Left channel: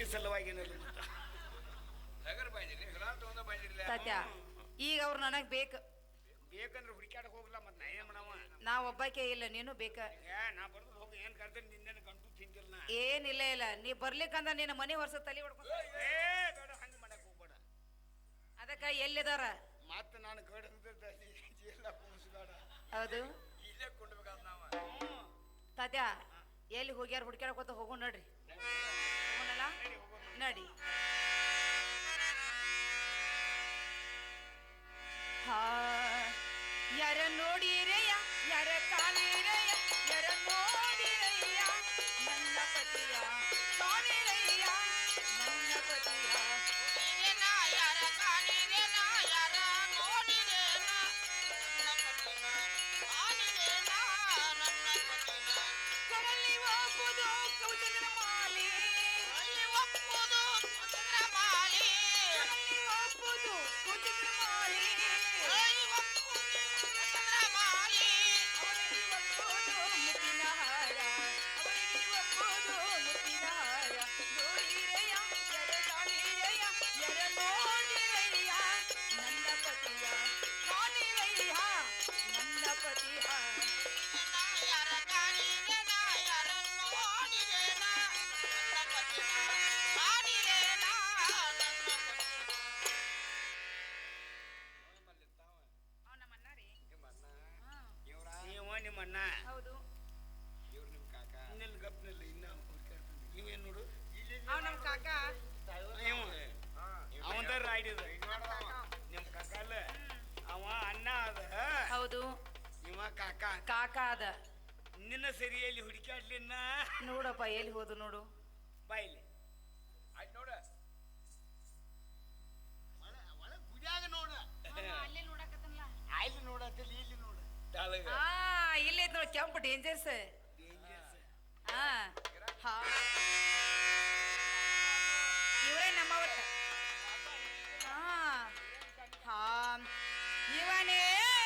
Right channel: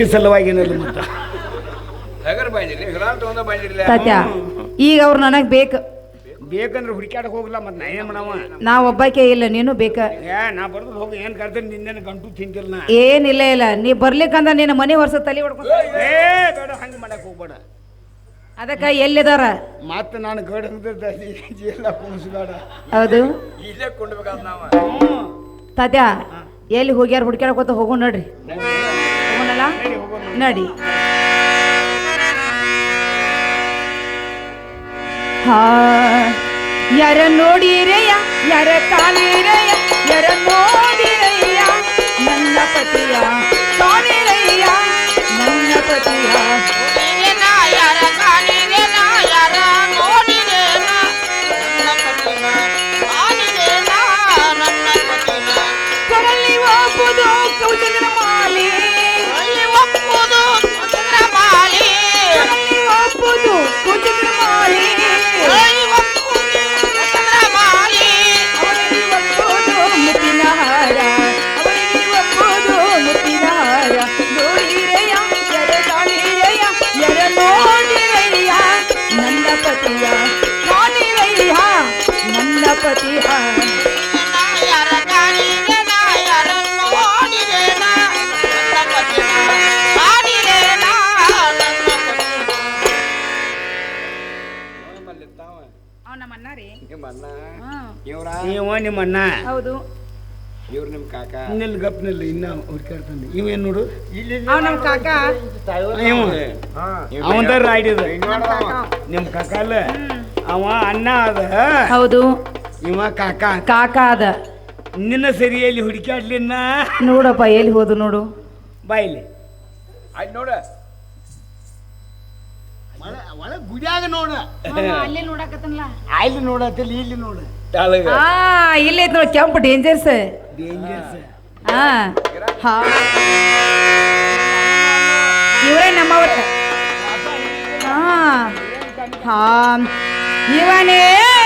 safety ಸಲುವಾಗಿನಲ್ಲ ಮತ್ತೆ ತಾತ್ಯ ಈಗ ಅವ್ರು ನನಗೆ ಬೇಕು ಬೇಕಂದ್ರೆ ಹುಡುಕ್ಯಾಡಕ್ಕೆ ಹೋಗಲ್ಲ ಮತ್ತೆ ನಾ ಏನು ಮಾಡವ ನಾ ಒಬ್ಬಾಕೆ ಇಲ್ಲ ನೀನು ಬೇಕ ನಾ ಬರ್ದು ಹೋಗಿ ಏನು ಕರ್ತೀನಿ ನಿನ್ನೇನು ಗಂಟು ತಿಂತಿಲ್ಲ ನಾ ಏನಿಲ್ಲ ಇಲ್ಲ ನೀ ಬರ್ಲಿಕ್ಕಂದ ನಿನ್ನ ಮನೆ ವರ್ಷ ತಲೆ ಹೊಡ್ಕೊಂಡು ಬೇಡ ಹಂಗೆ ಮಾಡಕ್ಕೆ ಹೋಗ್ಬೇಡ ಅದಕ್ಕೆ ಎಲ್ಲಿದಾರ ಮತ್ತೆ ನಾನು ಗಡ್ ಎಲ್ಲ ಕುಣಿಸ್ಬೇಡ ಹೌದು ಇಲ್ಲೇ ಕೊಂಡ್ಬೇಕಾದ ನಾವು ತಾತ್ಯ ಎಲ್ಲಿ ಹೋಗ್ಯಾರ ಹುಡ್ಕ್ಯಾಡ್ಕೋತ ಹೋಗೋ ನಡ್ರಿ ಹೋಗೋಣಲ್ಲ ನಡಿ ಹಾ ಯಾರ ನೋಡಿರೆಯ ಯಾರ ಕಾಲಿರೆಯ ಯಾರ ನೋಡಿರೆಯ ನನ್ನ ಪತಿಯ ಕಾಲಿರೆಯ ನನ್ನ ಪತಿಯ ಕೊರಲಿ ಒಪ್ಪುದು ಕೌಚಂದ್ರ ಮಾಲಿ ಕೊರಲಿ ಒಪ್ಪುದು ಕೌಚಂದ್ರ ಮಾಲಿ ಅವಳಿಗೆ ಒಪ್ಪುದು ಮುತ್ತಿನ ಹಾರ ಅವಳಿಗೆ ಒಪ್ಪುದು ಮುತ್ತಿನ ಹಾರ ನೋಡಿರೆಯ ಎರ ಕಾಣಿರೆಯ ಎರ ನೋಡಿರೆಯ ನನ್ನ ಪತಿಯ ಕಾಣಿರೆಯ ನನ್ನ ಪತಿಯ ನಿಮ್ಮ ಅಣ್ಣ ಹೌದು ಇವ್ರು ನಿಮ್ಮ ಕಾಕ ನಿಲ್ ಗಪ್ನಲ್ಲಿ ಇನ್ನ ಹುಡ್ಕಾಡ್ತಾನೆ ಇವೇನು ನೋಡು ಅವ್ ನಮ್ಮ ಕಾಕ ಅವಂದ ರಾಯ್ಡಿದ ನಿಮ್ಮ ಕಾಕ ಅಲ್ಲ ಅವ ಅಣ್ಣ ಅದ ಹೌದು ಇವ ಕಾಕ ಕಾಕ ಅದ ನಿನ್ನ ಸರಿಯಲ್ಲಿ ಹುಡುಕಾಡ್ಲಿನ್ನ ನೋಡಪ್ಪ ಎಲ್ಲಿ ಹೋದು ನೋಡು ಬಾಯಿಲಿ ಅಲ್ಲಿ ನೋಡ ಒಳ ಗುಡಿಯಾಗ ನೋಡ ಅಲ್ಲೇ ನೋಡಕತ್ತನಲ್ಲ ಅಲ್ಲಿ ನೋಡತ್ತಿಲ್ಲ ಇಲ್ಲಿ ನೋಡ ಇಲ್ಲೇ ಐತ್ ನೋಡಿ ಕೆಂಪು ಡೇಂಜರ್ಸ್ ಡೇಂಜರ್ಸ್ ಇವರೇ ನಮ್ಮವ್ರ ಇವನೇ